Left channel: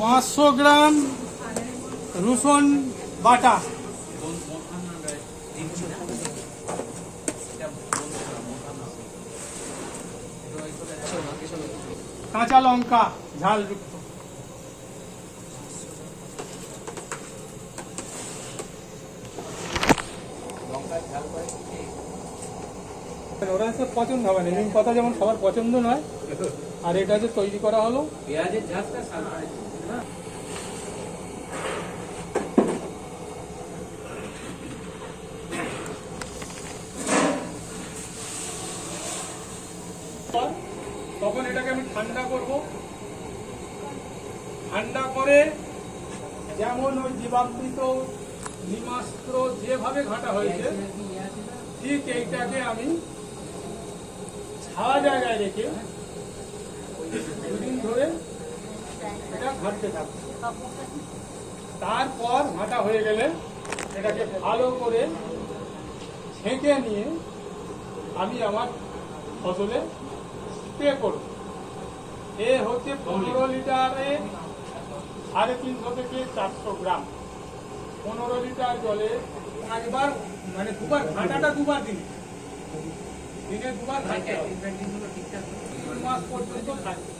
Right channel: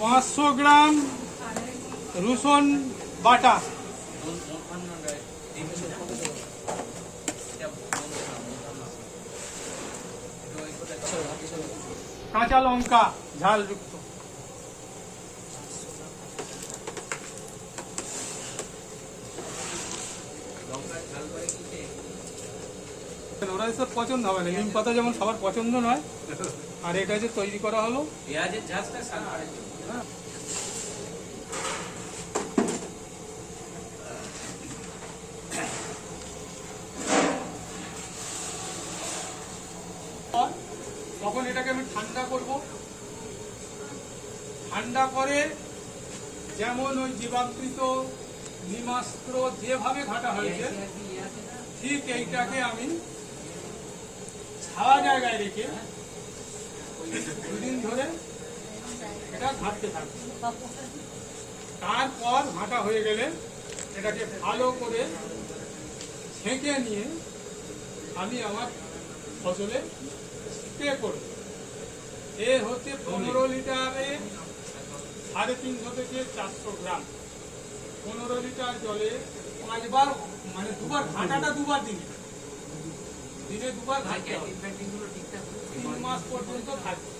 500 গ্রাম রসুন বাটা, কাঁচা লঙ্কা ঝালযুক্ত, ওরা সব পছন্দ হবে না, নিম পাতা যেমন সবার পছন্দ নয়, আর এটা যে তৈরি করা হলো পেঁয়াজের ঝাঁজটা তখন এটাকে আমি ঠান্ডা করব। ঠান্ডা করে যেমন ওই জীবামৃত নিমাস্ত্র যেভাবে ঘাটা হয়েছে ঠিক এইটাকে আমি ছাওয়া জায়গায় রেখে দুদিন ধরে এটা ঘাটতে থাকবে। তারপর ঘাটা হয়ে গেলে এটাকে ভালো করে ছেঁকে নিয়ে আমি আমার ফসলে স্প্রে করব। এ হচ্ছে 15 লিটারে 350 থেকে 400 গ্রাম। 15 লিটার জলে 5 বার, মানে দুবার, ঘাটাটা দুবার দিনে দুবার ঘাটতে হবে। 3 মাস পর্যন্ত থাকবে।